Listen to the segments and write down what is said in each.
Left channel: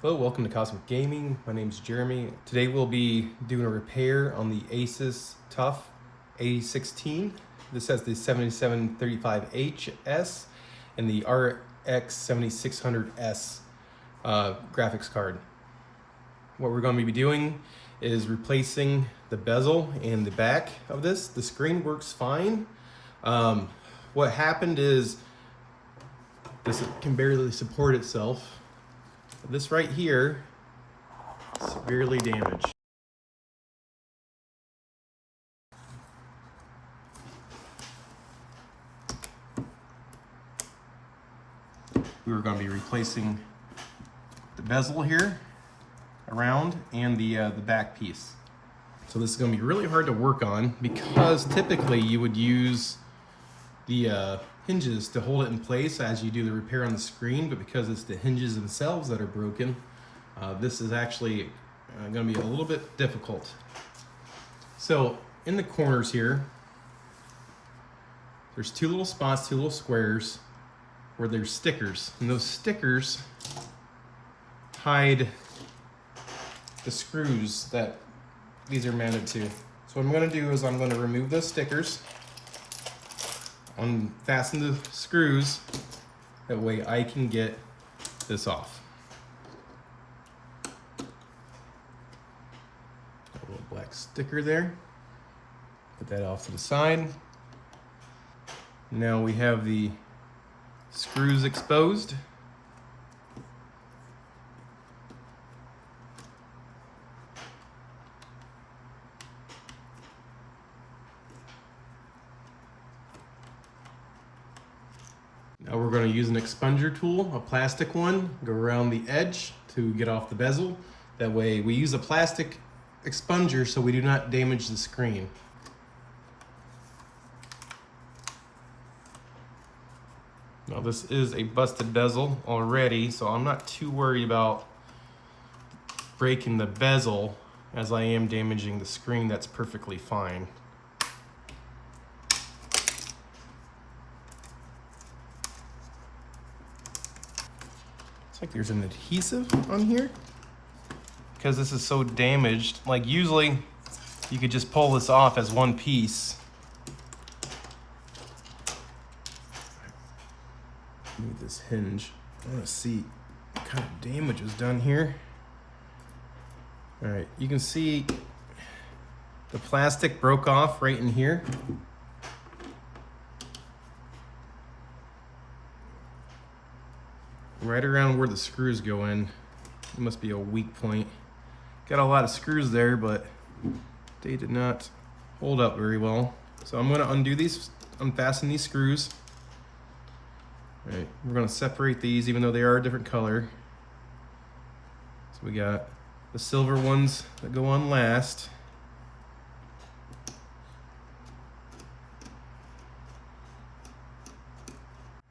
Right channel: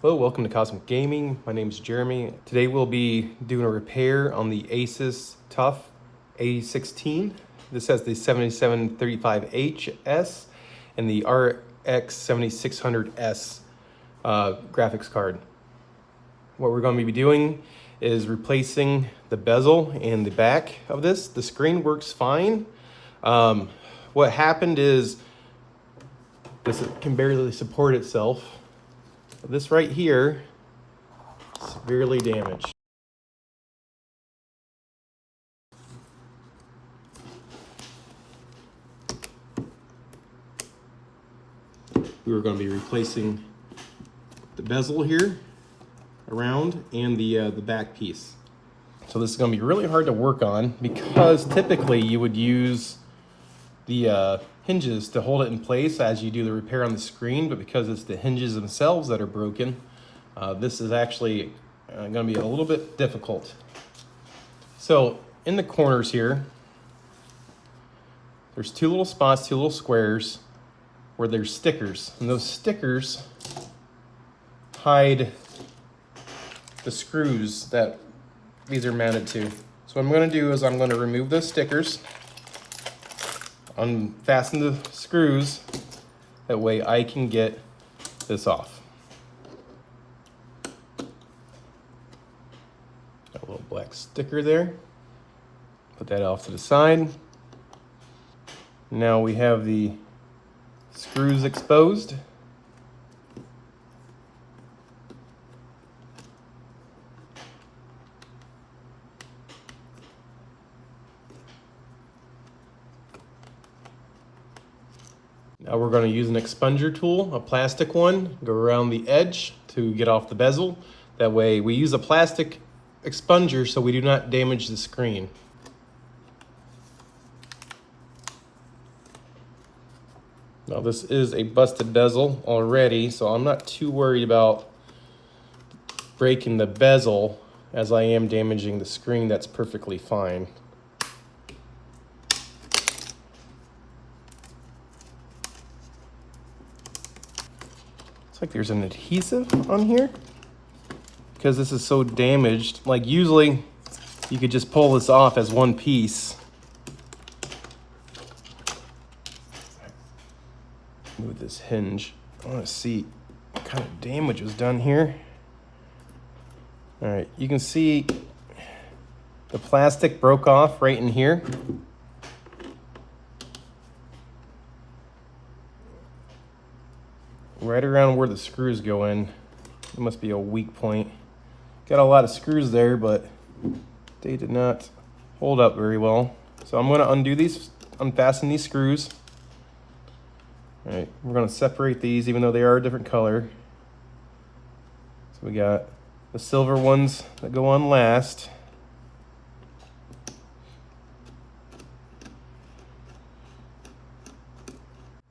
Hello, welcome to Cosmic Gaming. My name is Jeremy. Today we'll be doing a repair on the ASUS TUF A16. This has the 7735HS and the RX 7600S graphics card. What we're going to be doing is replacing the bezel and the back of this. The screen works fine. What happened is this can barely support itself. This right here is severely damaged. We were going to be replacing the bezel here around and the back piece. So this is going to be really hard to work on because typically you would use the hinges to hold it in place as you do the repair on the screen, but because it's the hinges themselves that are broken, this is actually going to be a little bit difficult. So in the corners here, there's two little spots, two little squares where there's stickers, and those stickers hide the screws that these are mounted to. So what I'm going to do is I'm going to remove those stickers, unfasten the screws, that way I can get this off. Got a little black sticker there. Put that off to the side. Now we have the screws exposed. Now we're going to use an expunger tool, a plastic one, go around the edge to get off the bezel. That way we use a plastic expunger so we do not damage the screen. Now this is a busted bezel already, so I'm not too worried about breaking the bezel as I am damaging the screen. That's perfectly fine. Looks like there's an adhesive on here because this is so damaged. Like usually you could just pull this off as one piece. Move this hinge. I want to see what kind of damage was done here. All right, you can see the plastic broke off right in here. Right around where the screws go in. It must be a weak point. Got a lot of screws there, but they did not hold up very well. So I'm going to undo these, unfasten these screws. All right, we're going to separate these even though they are a different color. So we got the silver ones that go on last.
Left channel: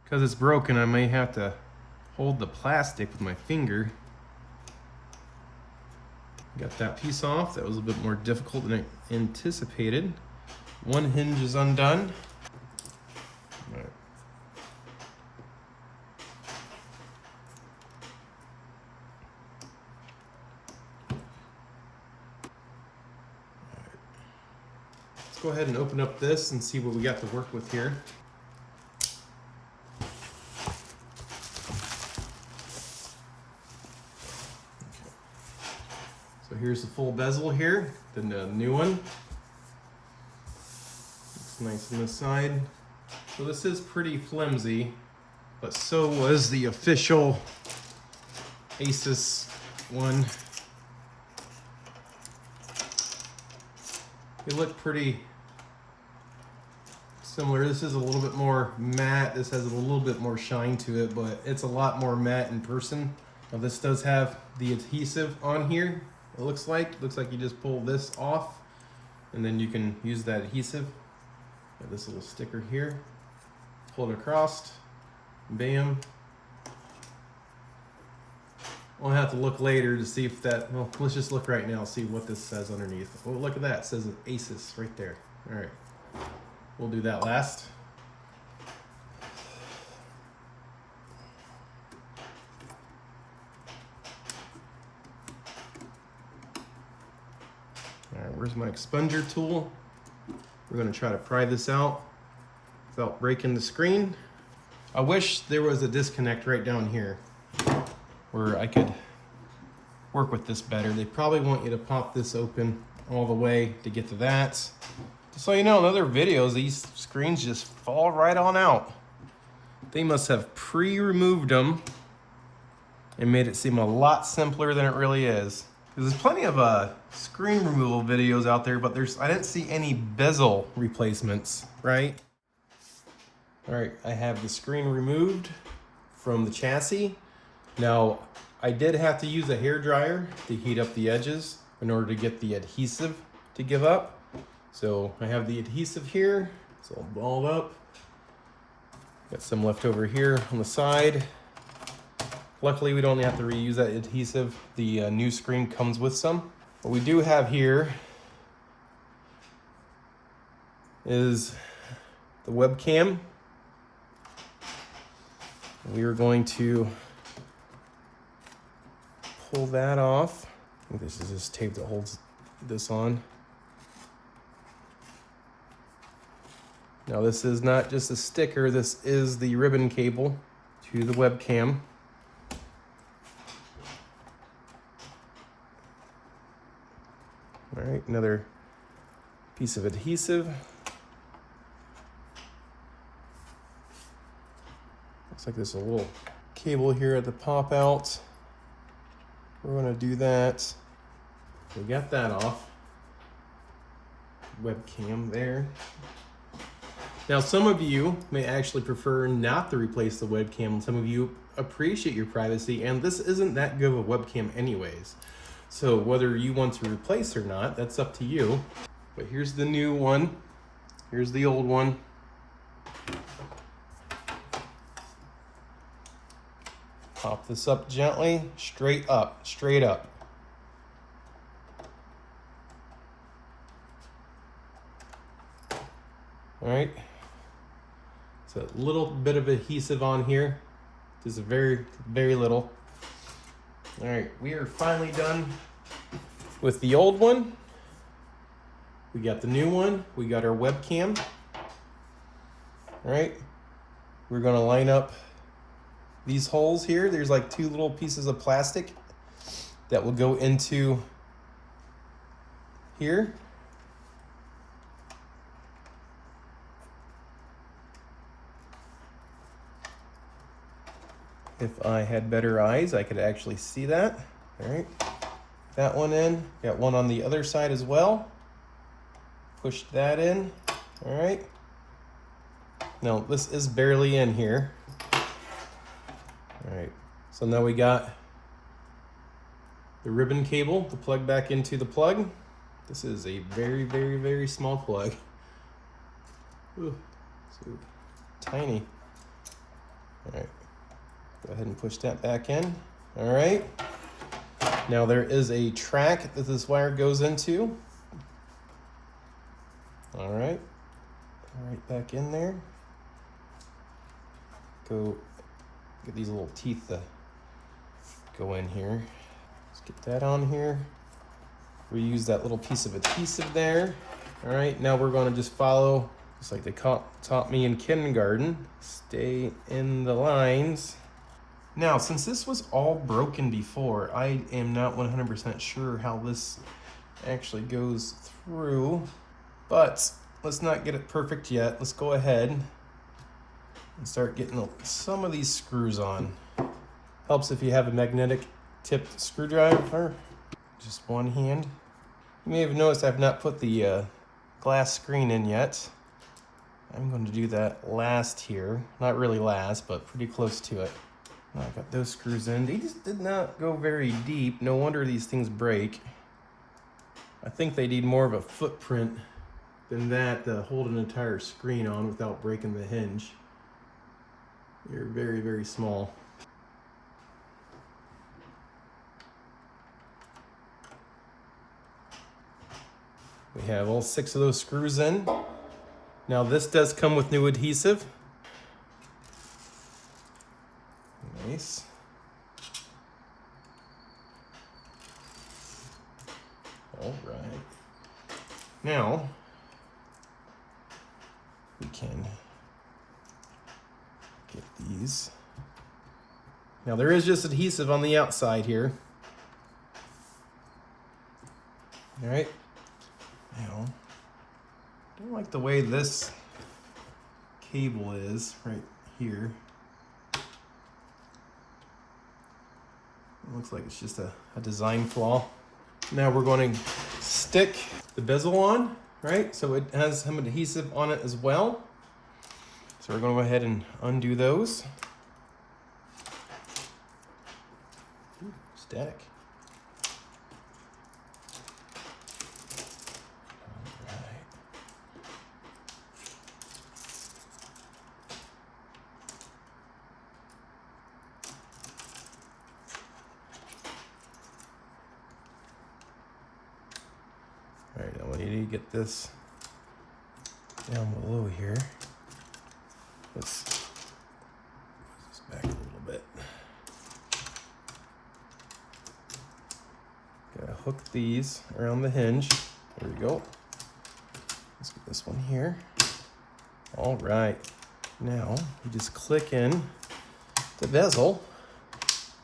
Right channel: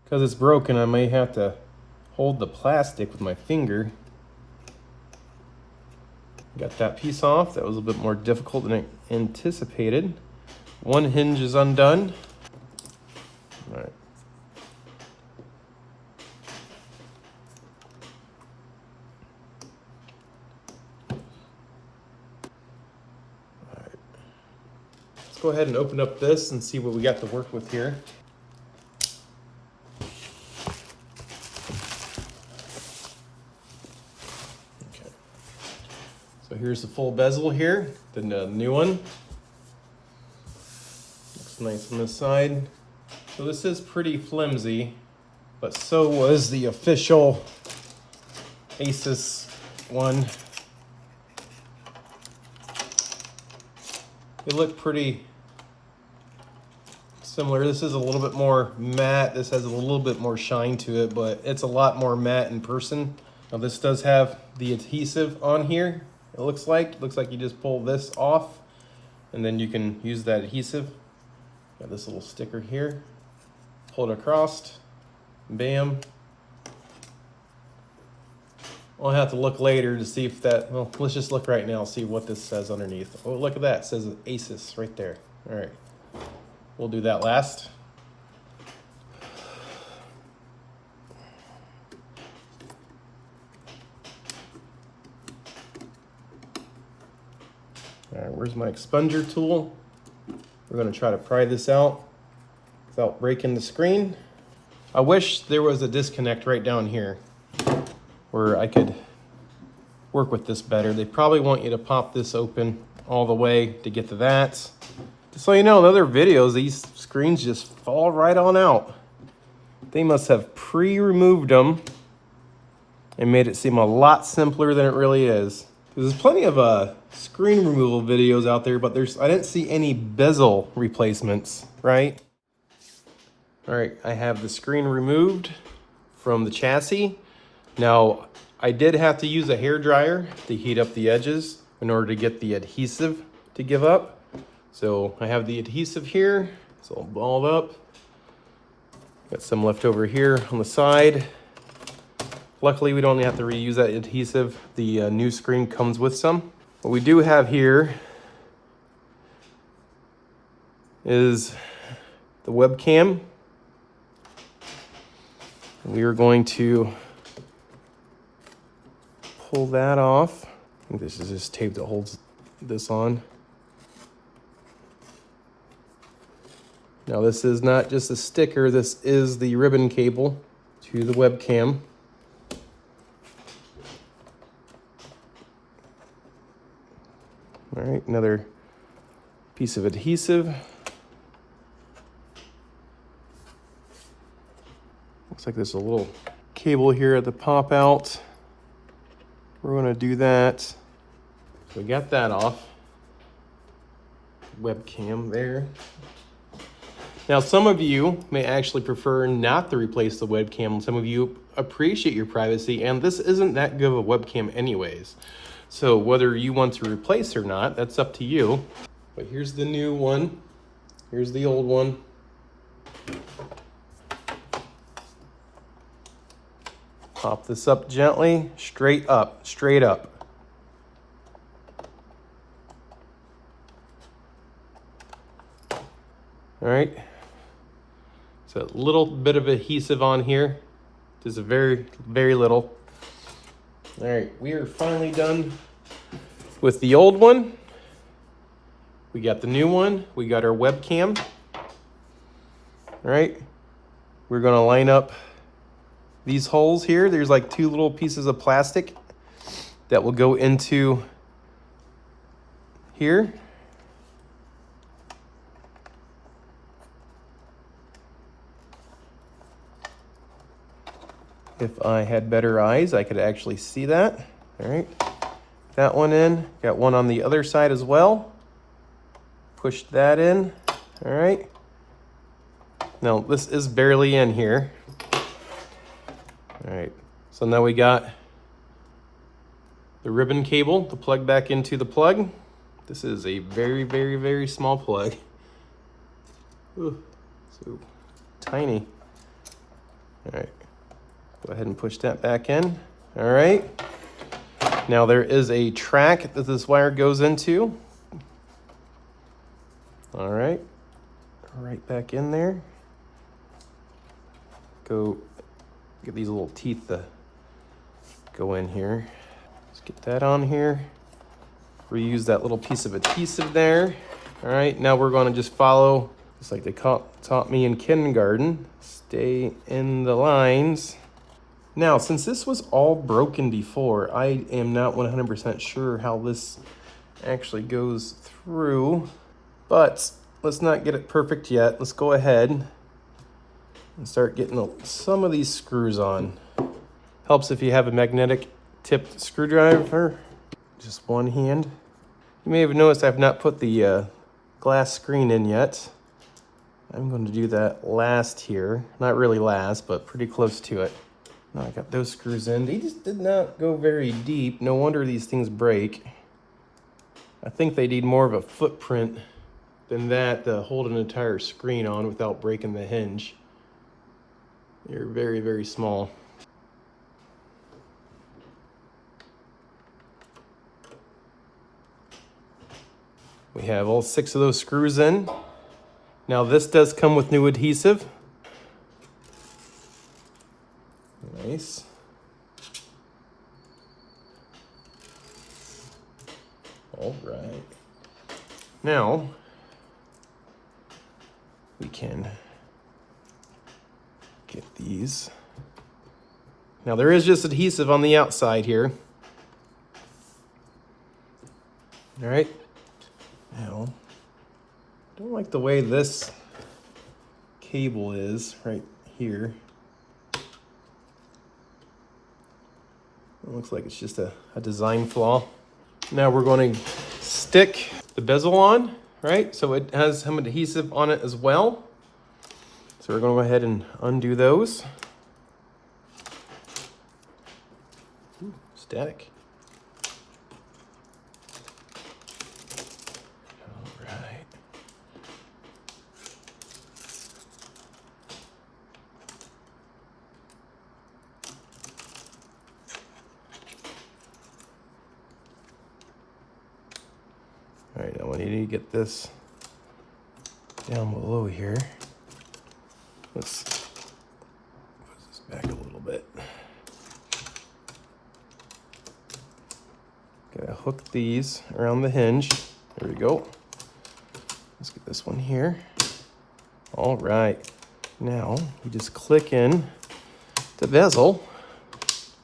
Because it's broken, I may have to hold the plastic with my finger. Got that piece off. That was a bit more difficult than I anticipated. One hinge is undone. All right. Let's go ahead and open up this and see what we got to work with here. So here's the full bezel here, the new one. Looks nice on this side. So this is pretty flimsy, but so was the official ASUS one. They look pretty similar. This is a little bit more matte. This has a little bit more shine to it, but it's a lot more matte in person. Now this does have the adhesive on here. It looks like you just pull this off and then you can use that adhesive. Got this little sticker here. Pull it across, bam. I'll have to look later to see if that, well, let's just look right now, see what this says underneath. Oh, look at that, it says ASUS right there. All right, we'll do that last. All right, where's my expunger tool? We're gonna try to pry this out without breaking the screen. I wish there was a disconnect right down here where I could work with this better. They probably want you to pop this open all the way to get to that. Just so you know, in other videos, these screens just fall right on out. They must have pre-removed them and made it seem a lot simpler than it really is. There's plenty of screen removal videos out there, but I didn't see any bezel replacements, right? All right, I have the screen removed from the chassis. Now, I did have to use a hair dryer to heat up the edges in order to get the adhesive to give up. So I have the adhesive here, it's all balled up. Got some left over here on the side. Luckily, we don't have to reuse that adhesive. The new screen comes with some. What we do have here is the webcam. We are going to pull that off. I think this is just tape that holds this on. Now this is not just a sticker, this is the ribbon cable to the webcam. All right, another piece of adhesive. Looks like there's a little cable here at the pop out. We're gonna do that. We got that off. Webcam there. Now, some of you may actually prefer not to replace the webcam. Some of you appreciate your privacy, and this isn't that good of a webcam anyways. So whether you want to replace or not, that's up to you. But here's the new one. Here's the old one. Pop this up gently, straight up, straight up. All right. So a little bit of adhesive on here. Just a very, very little. All right, we are finally done with the old one. We got the new one. We got our webcam. All right, we're gonna line up these holes here. There's like two little pieces of plastic that will go into here. If I had better eyes, I could actually see that. All right, that one in. Got one on the other side as well. Push that in. All right. Now this is barely in here. All right, so now we got the ribbon cable to plug back into the plug. This is a very, very, very small plug. Ooh, so tiny. All right. Go ahead and push that back in. All right. Now there is a track that this wire goes into. All right. Right back in there. Go get these little teeth to go in here. Let's get that on here. Reuse that little piece of adhesive there. All right. Now we're going to just follow, just like they taught me in kindergarten. Stay in the lines. Now, since this was all broken before, I am not 100% sure how this actually goes through, but let's not get it perfect yet. Let's go ahead and start getting some of these screws on. Helps if you have a magnetic tipped screwdriver, just one hand. You may have noticed I've not put the glass screen in yet. I'm going to do that last here. Not really last, but pretty close to it. Now I got those screws in. They just did not go very deep. No wonder these things break. I think they need more of a footprint than that to hold an entire screen on without breaking the hinge. They're very, very small. We have all 6 of those screws in. Now this does come with new adhesive. Nice. All right. Now, we can get these. Now there is just adhesive on the outside here. All right. Now, I don't like the way this cable is right here. It looks like it's just a design flaw. Now we're going to stick the bezel on, right? So it has some adhesive on it as well. So we're going to go ahead and undo those. Ooh, static. All right. All right, now we need to get this down below here. Let's push this back a little bit. Gotta hook these around the hinge. There we go. Let's get this one here. All right. Now you just click in the bezel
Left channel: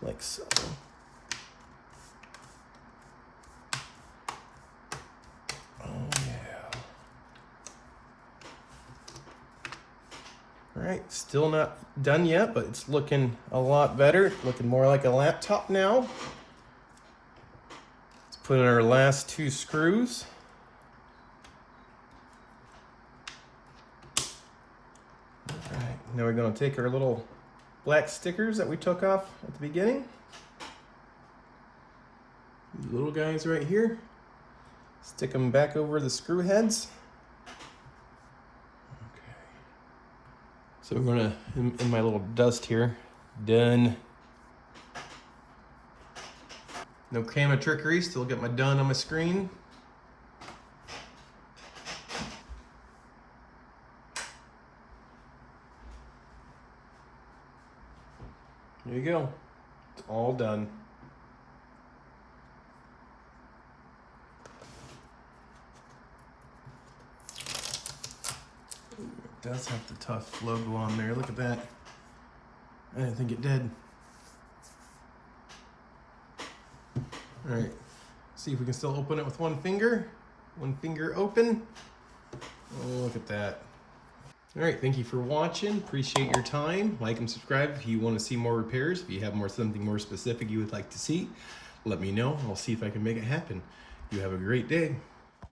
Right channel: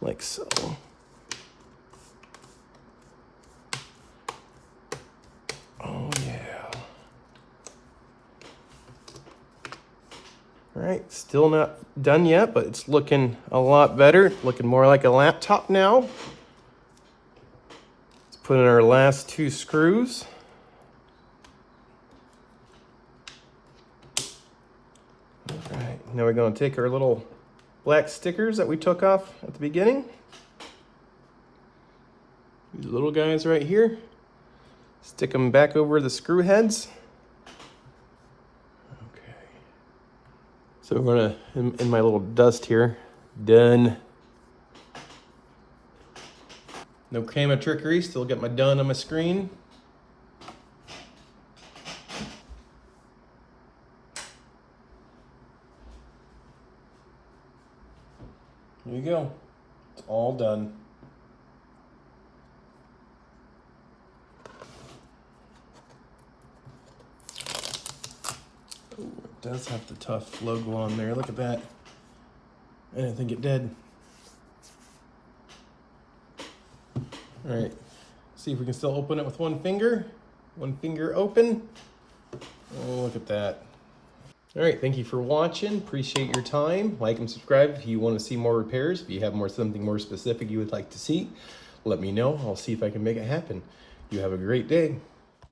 like so. Oh yeah. All right, still not done yet, but it's looking a lot better. Looking more like a laptop now. Let's put in our last 2 screws. All right, now we're going to take our little black stickers that we took off at the beginning. These little guys right here. Stick them back over the screw heads. Okay. So we're gonna, in my little dust here, done. No camera trickery, still got my done on my screen. There you go, it's all done. Ooh, it does have the TUF logo on there, look at that. I didn't think it did. All right, see if we can still open it with one finger. One finger open. Oh, look at that. All right, thank you for watching. Appreciate your time. Like and subscribe if you want to see more repairs. If you have something more specific you would like to see, let me know. I'll see if I can make it happen. You have a great day.